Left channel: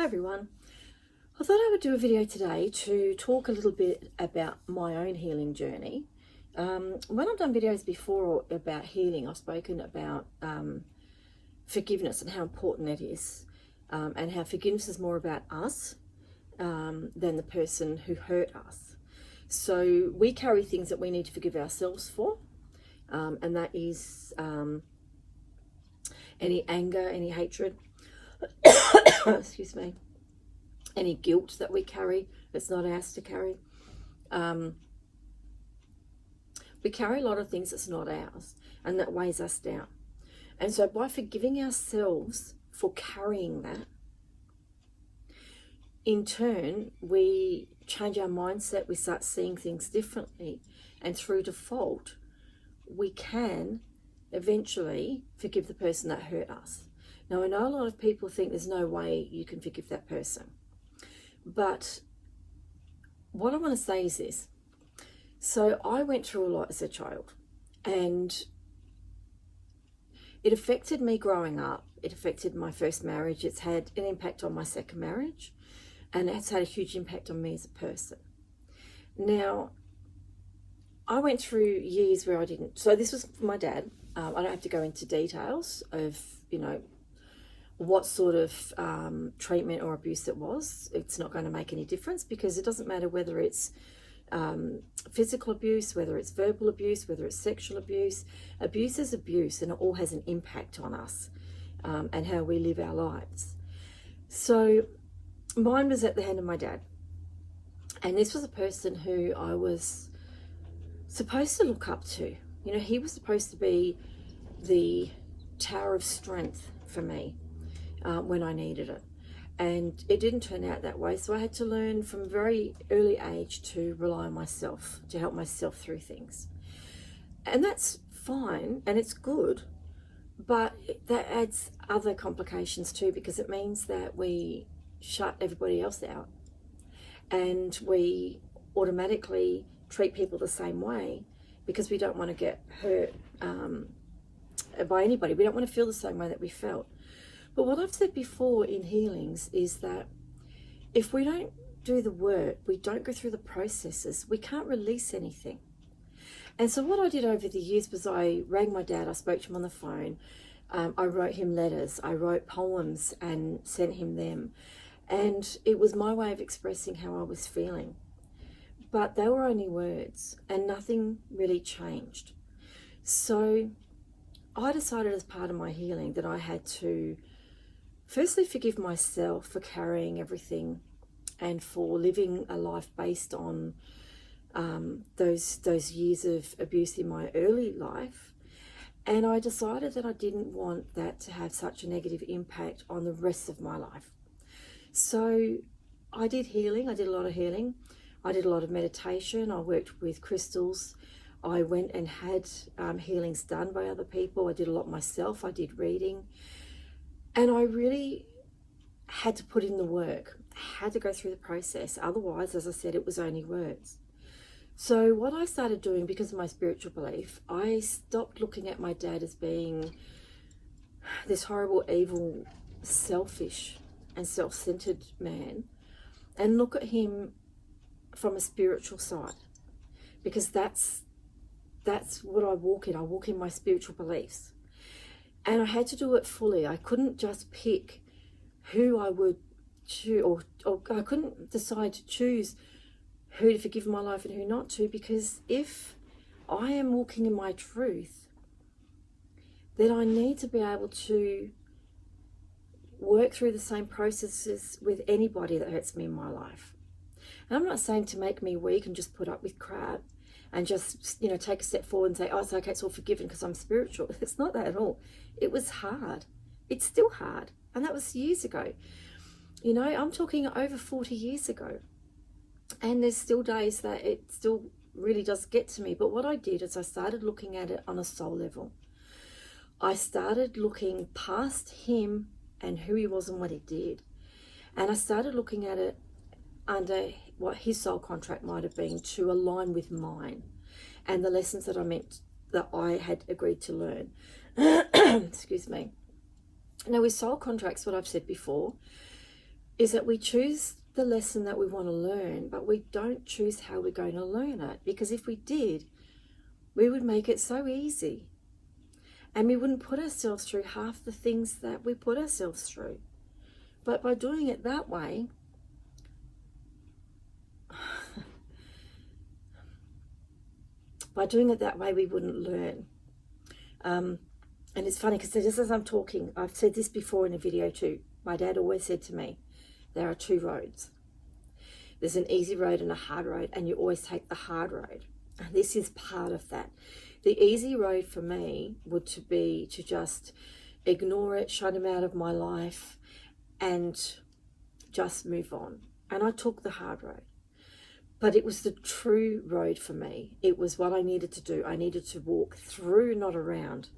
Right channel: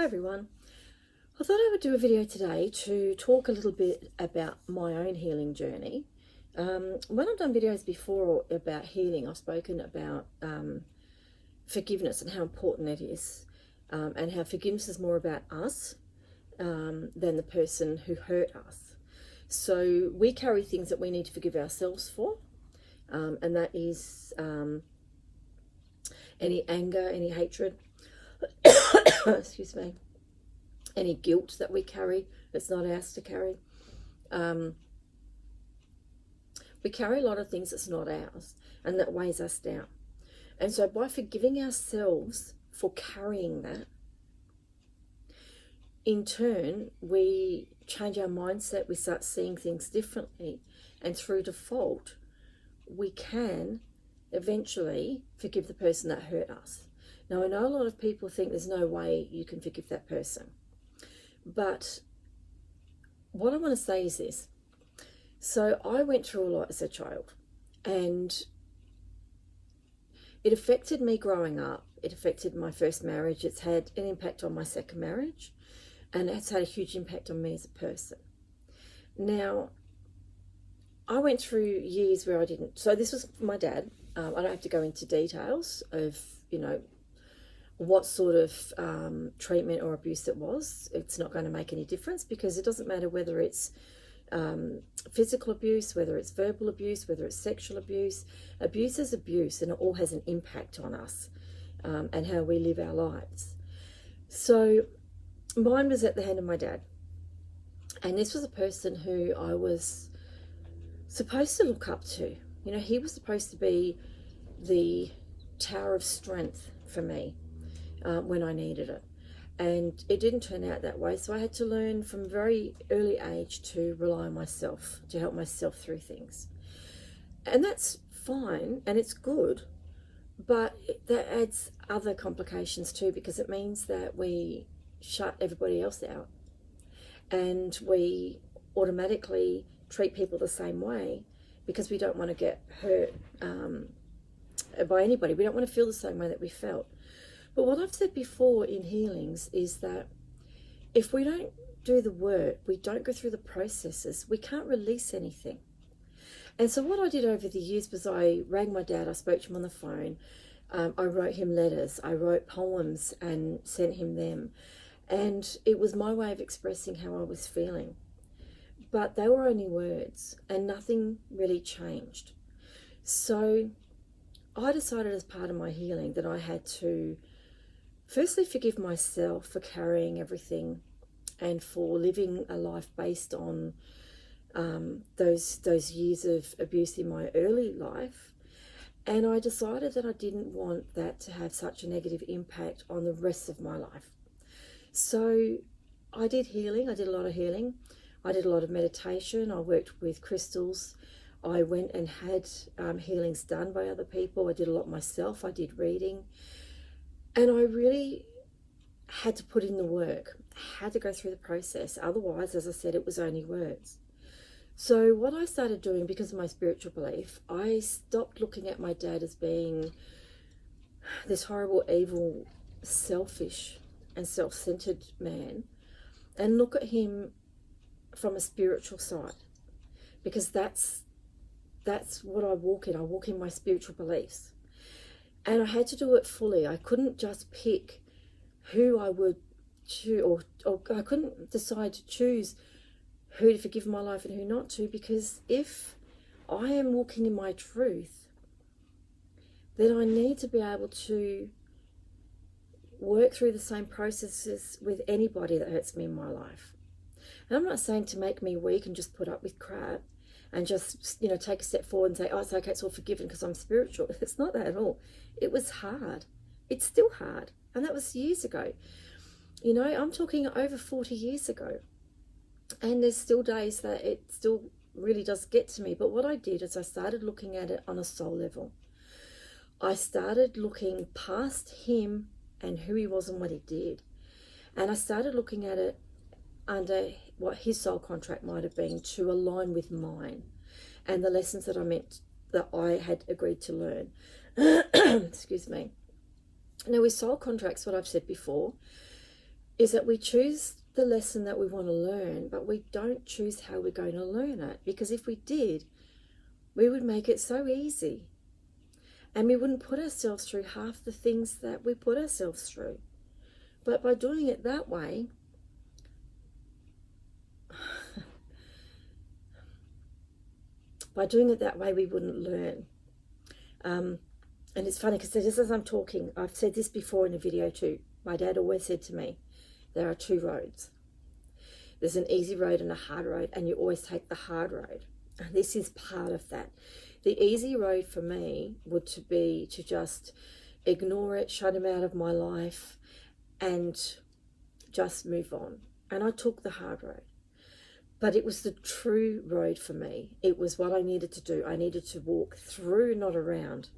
Hi everyone. I thought I would do a video today to talk a little bit about my own healing journey. When I've done videos before about healing, I've spoken about forgiveness and how important it is, and how forgiveness is more about us than the person who hurt us. So we carry things that we need to forgive ourselves for, and that is any anger, any hatred, excuse me, any guilt that we carry that's not ours to carry. We carry a lot of things that's not ours and that weighs us down. And so by forgiving ourselves for carrying that, in turn, we change our mindset, we start seeing things differently, and through default, we can eventually forgive the person that hurt us. Now, I know a lot of people think there's no way you can forgive that person. But what I want to say is this. So I went through a lot as a child, and it affected me growing up. It affected my first marriage. It's had an impact on my second marriage, and it's had a huge impact on me as a person. Now, I went through years where I didn't. So this was my dad. I don't have to go into details of, what sort of treatment or abuse it was. It's not going to make any difference, because it doesn't matter whether it's physical abuse, whether it's verbal abuse, whether it's sexual abuse. Abuse is abuse, and it all has an impact on us and how we live our lives. So mine was at the hand of my dad. And this was a person who I was supposed to look up to. He was supposed to be the tower of strength for me when I needed it. And it didn't turn out that way. So I had to learn from a very early age to rely on myself, to help myself through things. And that's fine, and it's good, but that adds other complications too, because it means that we shut everybody else out, and we automatically treat people the same way because we don't want to get hurt by anybody. We don't want to feel the same way that we felt. But what I've said before in healings is that if we don't do the work, we don't go through the processes, we can't release anything. And so what I did over the years was I rang my dad, I spoke to him on the phone, I wrote him letters, I wrote poems and sent him them. And it was my way of expressing how I was feeling. But they were only words, and nothing really changed. So I decided as part of my healing that I had to firstly forgive myself for carrying everything and for living a life based on those years of abuse in my early life. And I decided that I didn't want that to have such a negative impact on the rest of my life. So I did healing. I did a lot of healing. I did a lot of meditation. I worked with crystals. I went and had healings done by other people. I did a lot myself. I did reading. And I really had to put in the work. I had to go through the process. Otherwise, as I said, it was only words. So what I started doing, because of my spiritual belief, I stopped looking at my dad as being this horrible, evil, selfish and self-centered man, and look at him from a spiritual side, because that's what I walk in. I walk in my spiritual beliefs. And I had to do it fully. I couldn't just pick who I would choose, or I couldn't decide to choose who to forgive in my life and who not to, because if I am walking in my truth, then I need to be able to work through the same processes with anybody that hurts me in my life. And I'm not saying to make me weak and just put up with crap and just, take a step forward and say, oh, it's okay, it's all forgiven because I'm spiritual. It's not that at all. It was hard. It's still hard. And that was years ago. I'm talking over 40 years ago. And there's still days that it still really does get to me. But what I did is I started looking at it on a soul level. I started looking past him and who he was and what he did. And I started looking at it under what his soul contract might have been to align with mine and the lessons that I had agreed to learn. Excuse me. Now with soul contracts, what I've said before, is that we choose the lesson that we want to learn, but we don't choose how we're going to learn it. Because if we did, we would make it so easy. And we wouldn't put ourselves through half the things that we put ourselves through. But by doing it that way, we wouldn't learn. And it's funny because just as I'm talking, I've said this before in a video too. My dad always said to me, there are two roads. There's an easy road and a hard road, and you always take the hard road. And this is part of that. The easy road for me would be to just ignore it, shut him out of my life, and just move on. And I took the hard road. But it was the true road for me. It was what I needed to do. I needed to walk through, not around.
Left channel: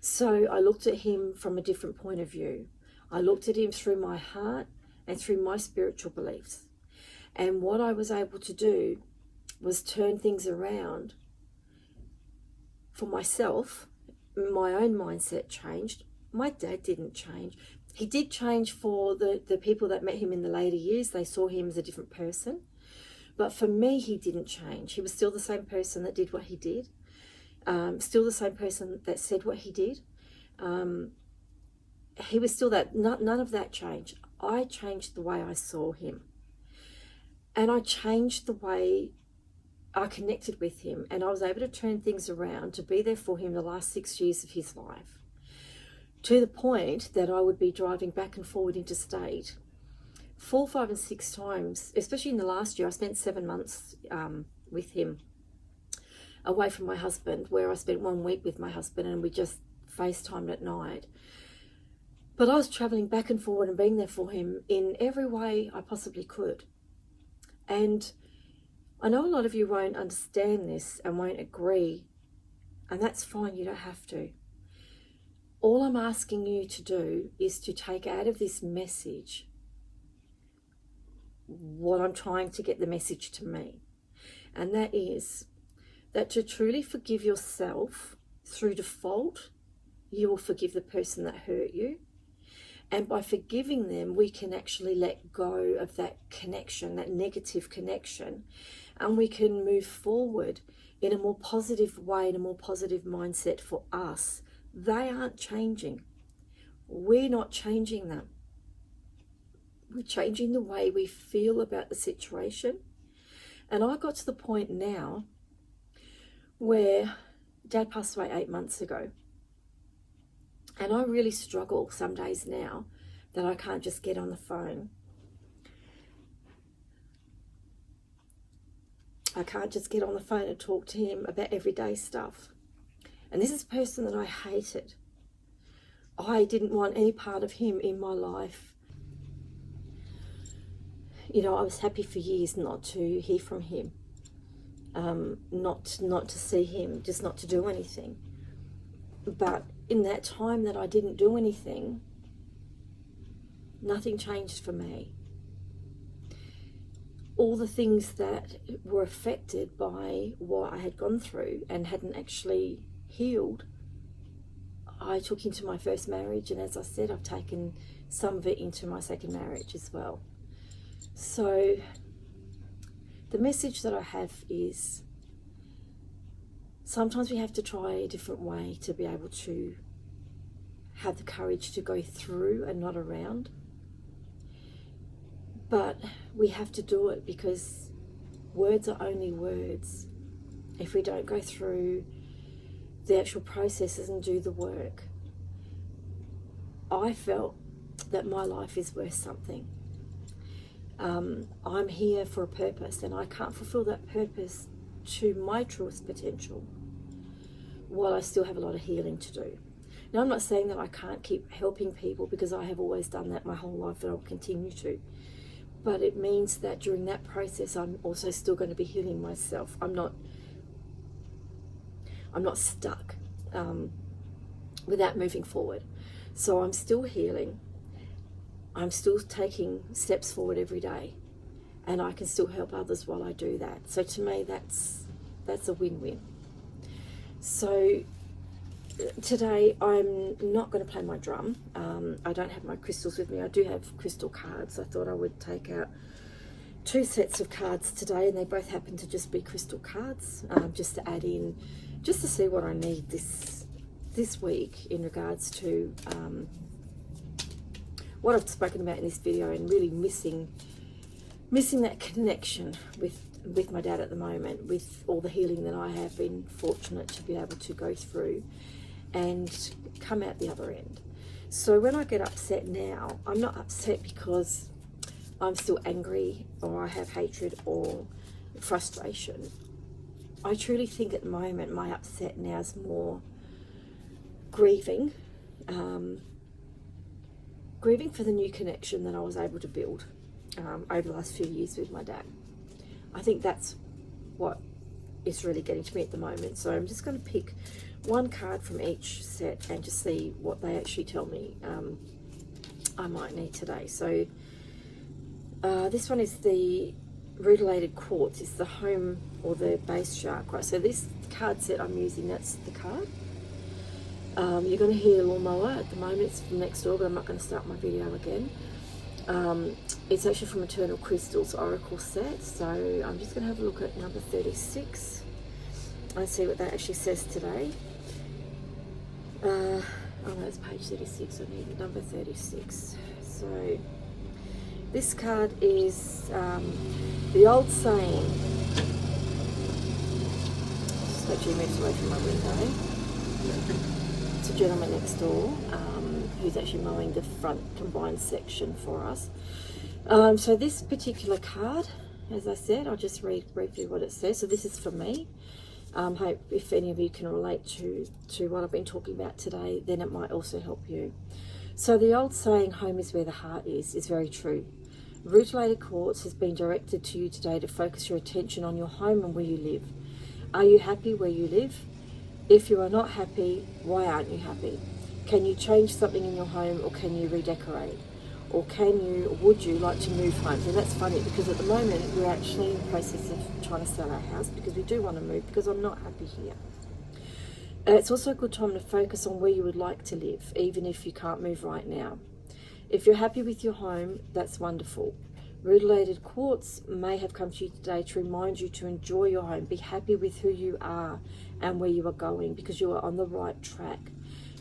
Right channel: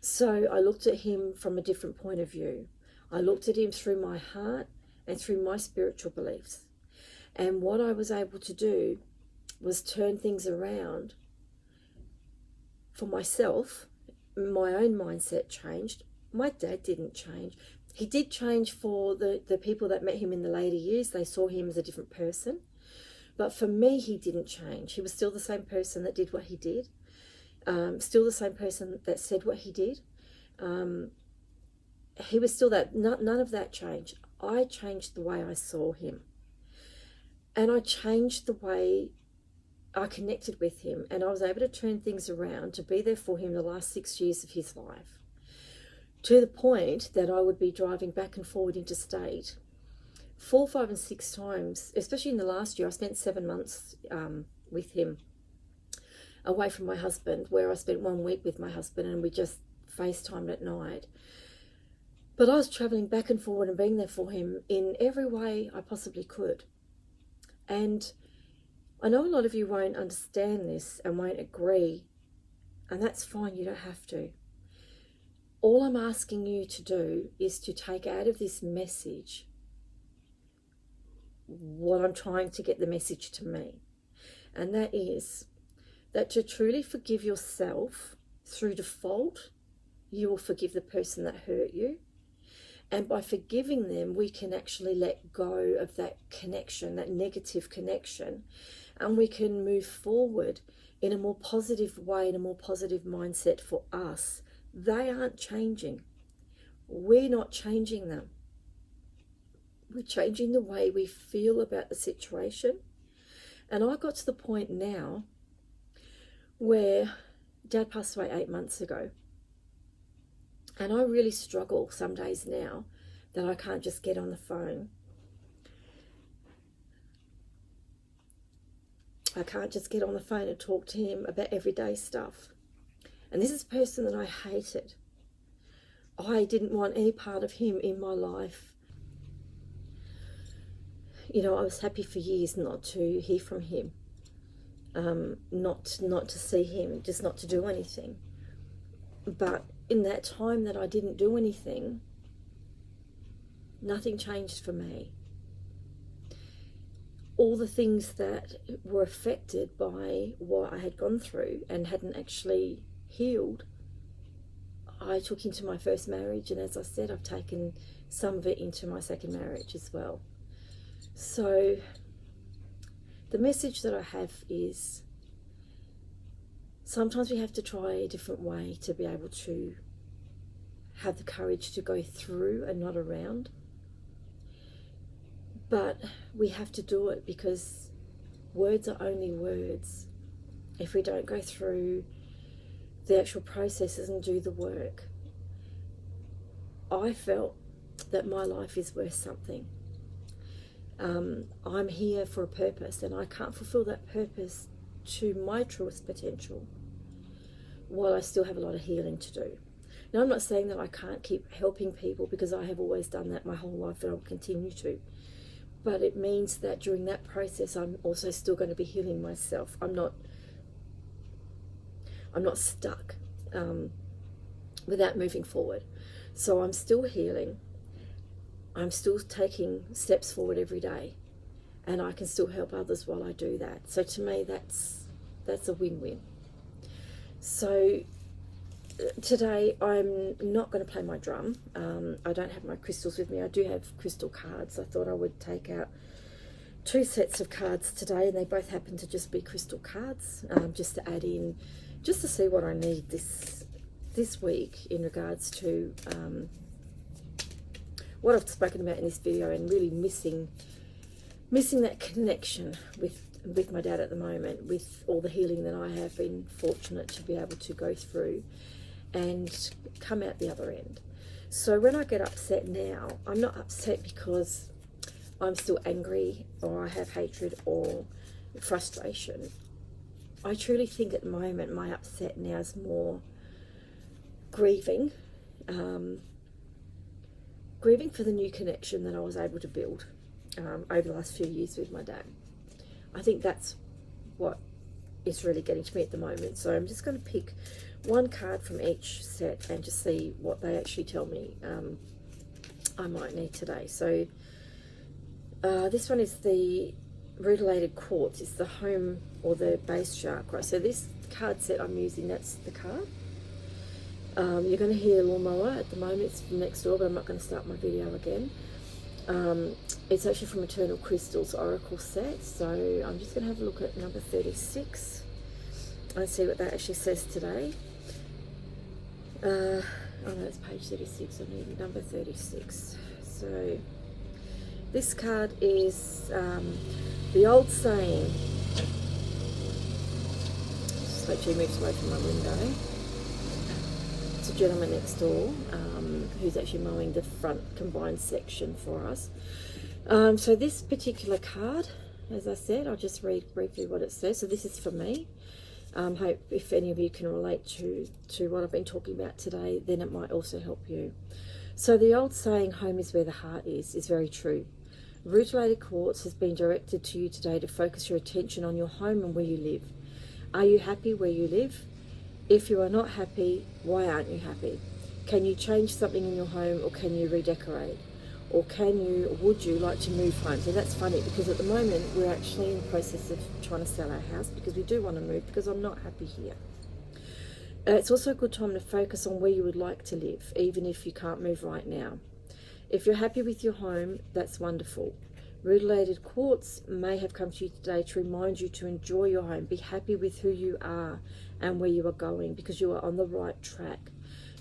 So I looked at him from a different point of view. I looked at him through my heart and through my spiritual beliefs. And what I was able to do was turn things around for myself. My own mindset changed. My dad didn't change. He did change for the people that met him in the later years. They saw him as a different person. But for me, he didn't change. He was still the same person that did what he did. Still the same person that said what he did. He was still that. None of that changed. I changed the way I saw him. And I changed the way I connected with him. And I was able to turn things around to be there for him the last 6 years of his life. To the point that I would be driving back and forward interstate 4, 5, and 6 times, especially in the last year. I spent 7 months with him away from my husband, where I spent 1 week with my husband and we just FaceTimed at night. But I was traveling back and forward and being there for him in every way I possibly could. And I know a lot of you won't understand this and won't agree, and that's fine, you don't have to. All I'm asking you to do is to take out of this message what I'm trying to get the message to me. And that is that to truly forgive yourself through default, you will forgive the person that hurt you. And by forgiving them, we can actually let go of that connection, that negative connection, and we can move forward in a more positive way, in a more positive mindset for us. They aren't changing. We're not changing them. We're changing the way we feel about the situation. And I got to the point now where Dad passed away 8 months ago. And I really struggle some days now that I can't just get on the phone. I can't just get on the phone and talk to him about everyday stuff. And this is a person that I hated. I didn't want any part of him in my life. You know, I was happy for years not to hear from him, not to see him, just not to do anything. But in that time that I didn't do anything, nothing changed for me. All the things that were affected by what I had gone through and hadn't actually healed, I took into my first marriage, and as I said, I've taken some of it into my second marriage as well. So the message that I have is sometimes we have to try a different way to be able to have the courage to go through and not around. But we have to do it because words are only words. If we don't go through the actual processes and do the work, I felt that my life is worth something. I'm here for a purpose, and I can't fulfill that purpose to my truest potential while I still have a lot of healing to do. Now, I'm not saying that I can't keep helping people, because I have always done that my whole life, and I'll continue to. But it means that during that process, I'm also still going to be healing myself. I'm not stuck without moving forward. So I'm still healing. I'm still taking steps forward every day, and I can still help others while I do that. So to me, that's a win-win. So today I'm not going to play my drum. I don't have my crystals with me. I do have crystal cards. I thought I would take out 2 sets of cards today, and they both happen to just be crystal cards, just to add in, just to see what I need this week in regards to what I've spoken about in this video, and really missing that connection with my dad at the moment, with all the healing that I have been fortunate to be able to go through and come out the other end. So when I get upset now, I'm not upset because I'm still angry or I have hatred or frustration. I truly think at the moment my upset now is more grieving, grieving for the new connection that I was able to build over the last few years with my dad. I think that's what is really getting to me at the moment. So I'm just going to pick one card from each set and just see what they actually tell me I might need today. So this one is the Rutilated Quartz. It's the home or the base chakra. So this card set I'm using, that's the card. You're going to hear a lawnmower at the moment. It's from next door, but I'm not going to start my video again. It's actually from Eternal Crystals Oracle set. So I'm just going to have a look at number 36 and see what that actually says today. Oh no, it's page 36. I need number 36. So this card is the old saying. Just actually moves away from my window. It's a gentleman next door who's actually mowing the front combined section for us. So this particular card, as I said, I'll just read briefly what it says. So this is for me. Hope if any of you can relate to what I've been talking about today, then it might also help you. So the old saying, home is where the heart is very true. Rutilated Quartz has been directed to you today to focus your attention on your home and where you live. Are you happy where you live? If you are not happy, why aren't you happy? Can you change something in your home, or can you redecorate? Or would you like to move home? So that's funny, because at the moment we're actually in the process of trying to sell our house because we do want to move, because I'm not happy here. It's also a good time to focus on where you would like to live, even if you can't move right now. If you're happy with your home, that's wonderful. Rutilated Quartz may have come to you today to remind you to enjoy your home, be happy with who you are and where you are going, because you are on the right track.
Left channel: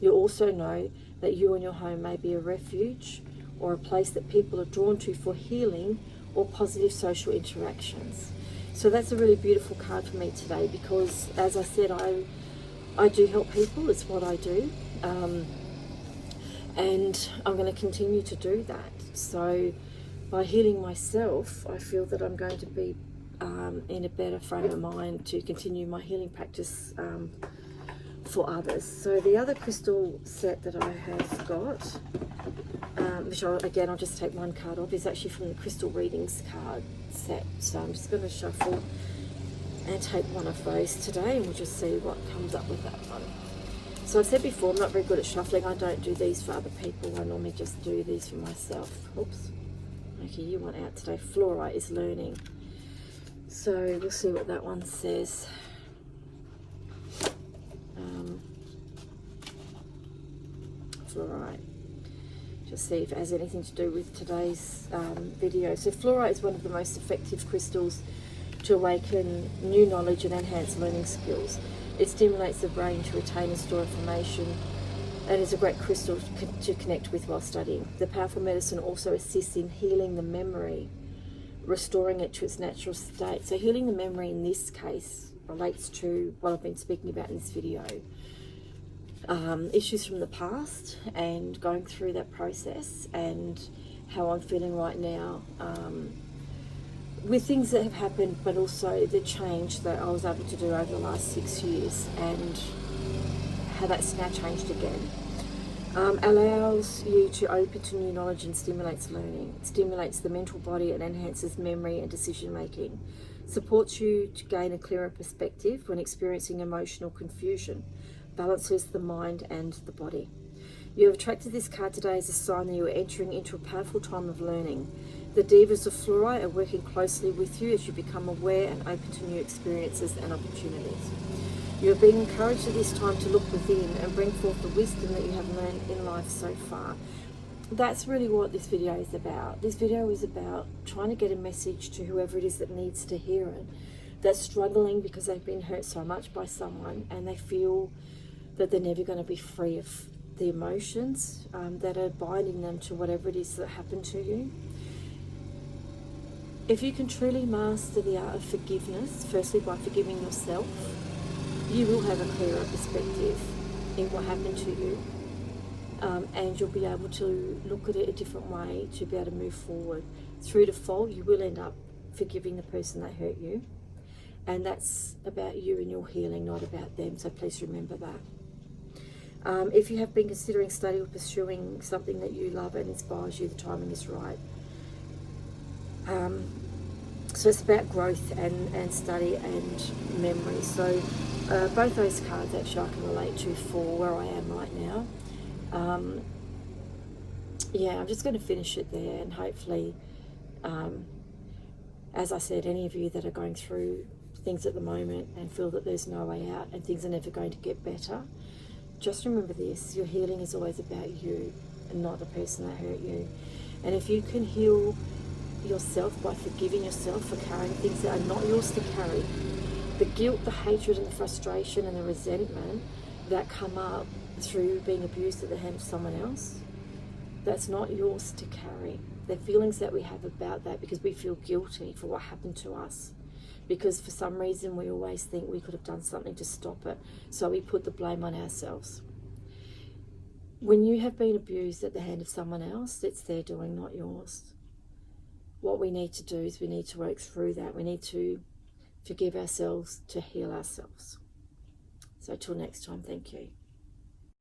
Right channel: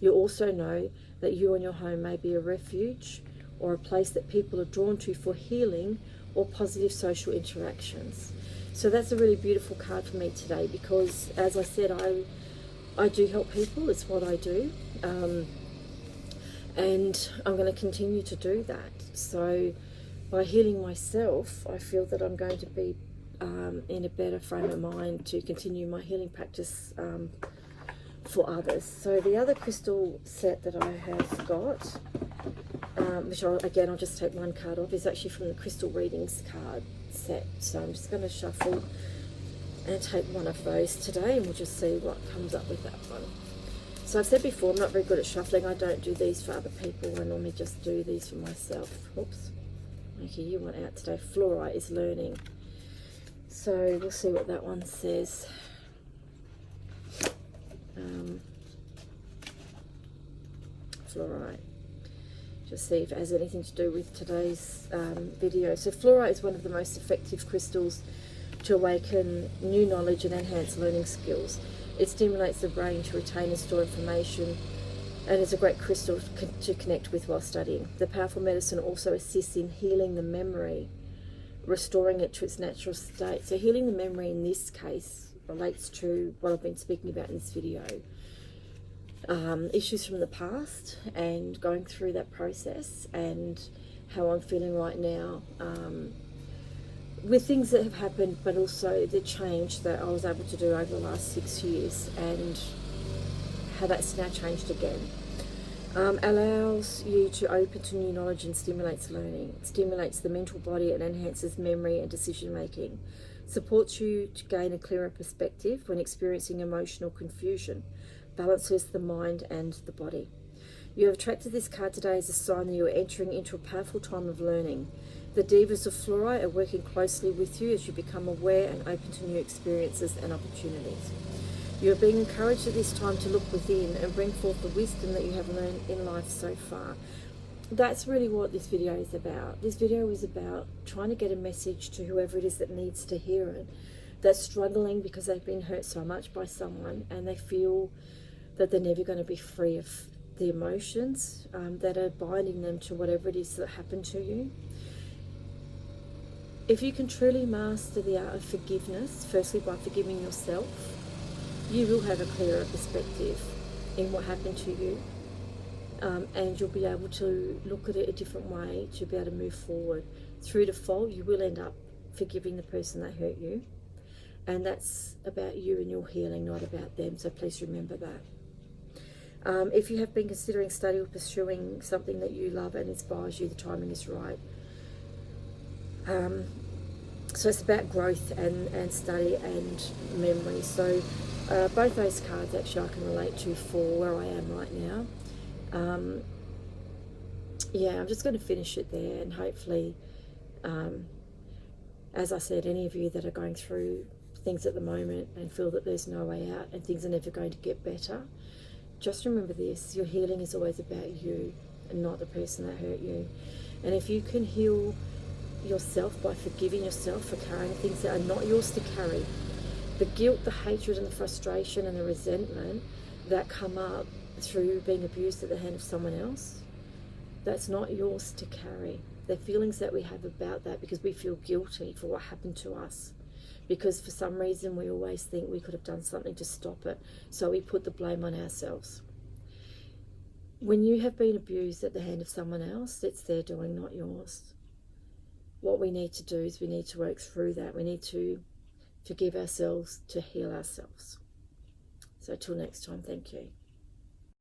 You also know that you and your home may be a refuge or a place that people are drawn to for healing or positive social interactions. So that's a really beautiful card for me today, because as I said, I do help people. It's what I do, and I'm going to continue to do that. So by healing myself, I feel that I'm going to be in a better frame of mind to continue my healing practice for others. So the other crystal set that I have got, which I'll just take one card off, is actually from the Crystal Readings card set. So I'm just going to shuffle and take one of those today, and we'll just see what comes up with that one. So I've said before, I'm not very good at shuffling. I don't do these for other people. I normally just do these for myself. Oops. Okay, you want out today. Flora is learning. So we'll see what that one says. Fluorite. Just see if it has anything to do with today's video. So fluorite is one of the most effective crystals to awaken new knowledge and enhance learning skills. It stimulates the brain to retain and store information, and is a great crystal to connect with while studying. The powerful medicine also assists in healing the memory, restoring it to its natural state. So healing the memory in this case relates to what I've been speaking about in this video. Issues from the past and going through that process, and how I'm feeling right now with things that have happened, but also the change that I was able to do over the last 6 years, and how that's now changed again. Allows you to open to new knowledge and stimulates learning. It stimulates the mental body and enhances memory and decision making. Supports you to gain a clearer perspective when experiencing emotional confusion. Balances the mind and the body. You have attracted this card today as a sign that you are entering into a powerful time of learning. The Divas of Fluorite are working closely with you as you become aware and open to new experiences and opportunities. You're being encouraged at this time to look within and bring forth the wisdom that you have learned in life so far. That's really what this video is about. This video is about trying to get a message to whoever it is that needs to hear it, that's struggling because they've been hurt so much by someone and they feel that they're never going to be free of the emotions that are binding them to whatever it is that happened to you. If you can truly master the art of forgiveness, firstly by forgiving yourself, you will have a clearer perspective in what happened to you, and you'll be able to look at it a different way to be able to move forward. Through default, you will end up forgiving the person that hurt you, and that's about you and your healing, not about them, so please remember that. If you have been considering studying or pursuing something that you love and inspires you, the timing is right. So it's about growth and study and memory. So both those cards actually I can relate to for where I am right now. Yeah, I'm just going to finish it there, and hopefully, as I said, any of you that are going through things at the moment and feel that there's no way out and things are never going to get better, just remember this: your healing is always about you and not the person that hurt you. And if you can heal yourself by forgiving yourself for carrying things that are not yours to carry, the guilt, the hatred and the frustration and the resentment that come up through being abused at the hand of someone else, that's not yours to carry. They're feelings that we have about that because we feel guilty for what happened to us, because for some reason we always think we could have done something to stop it, so we put the blame on ourselves. When you have been abused at the hand of someone else, it's their doing, not yours. What we need to do is we need to work through that. We need to forgive ourselves to heal ourselves. So till next time, thank you.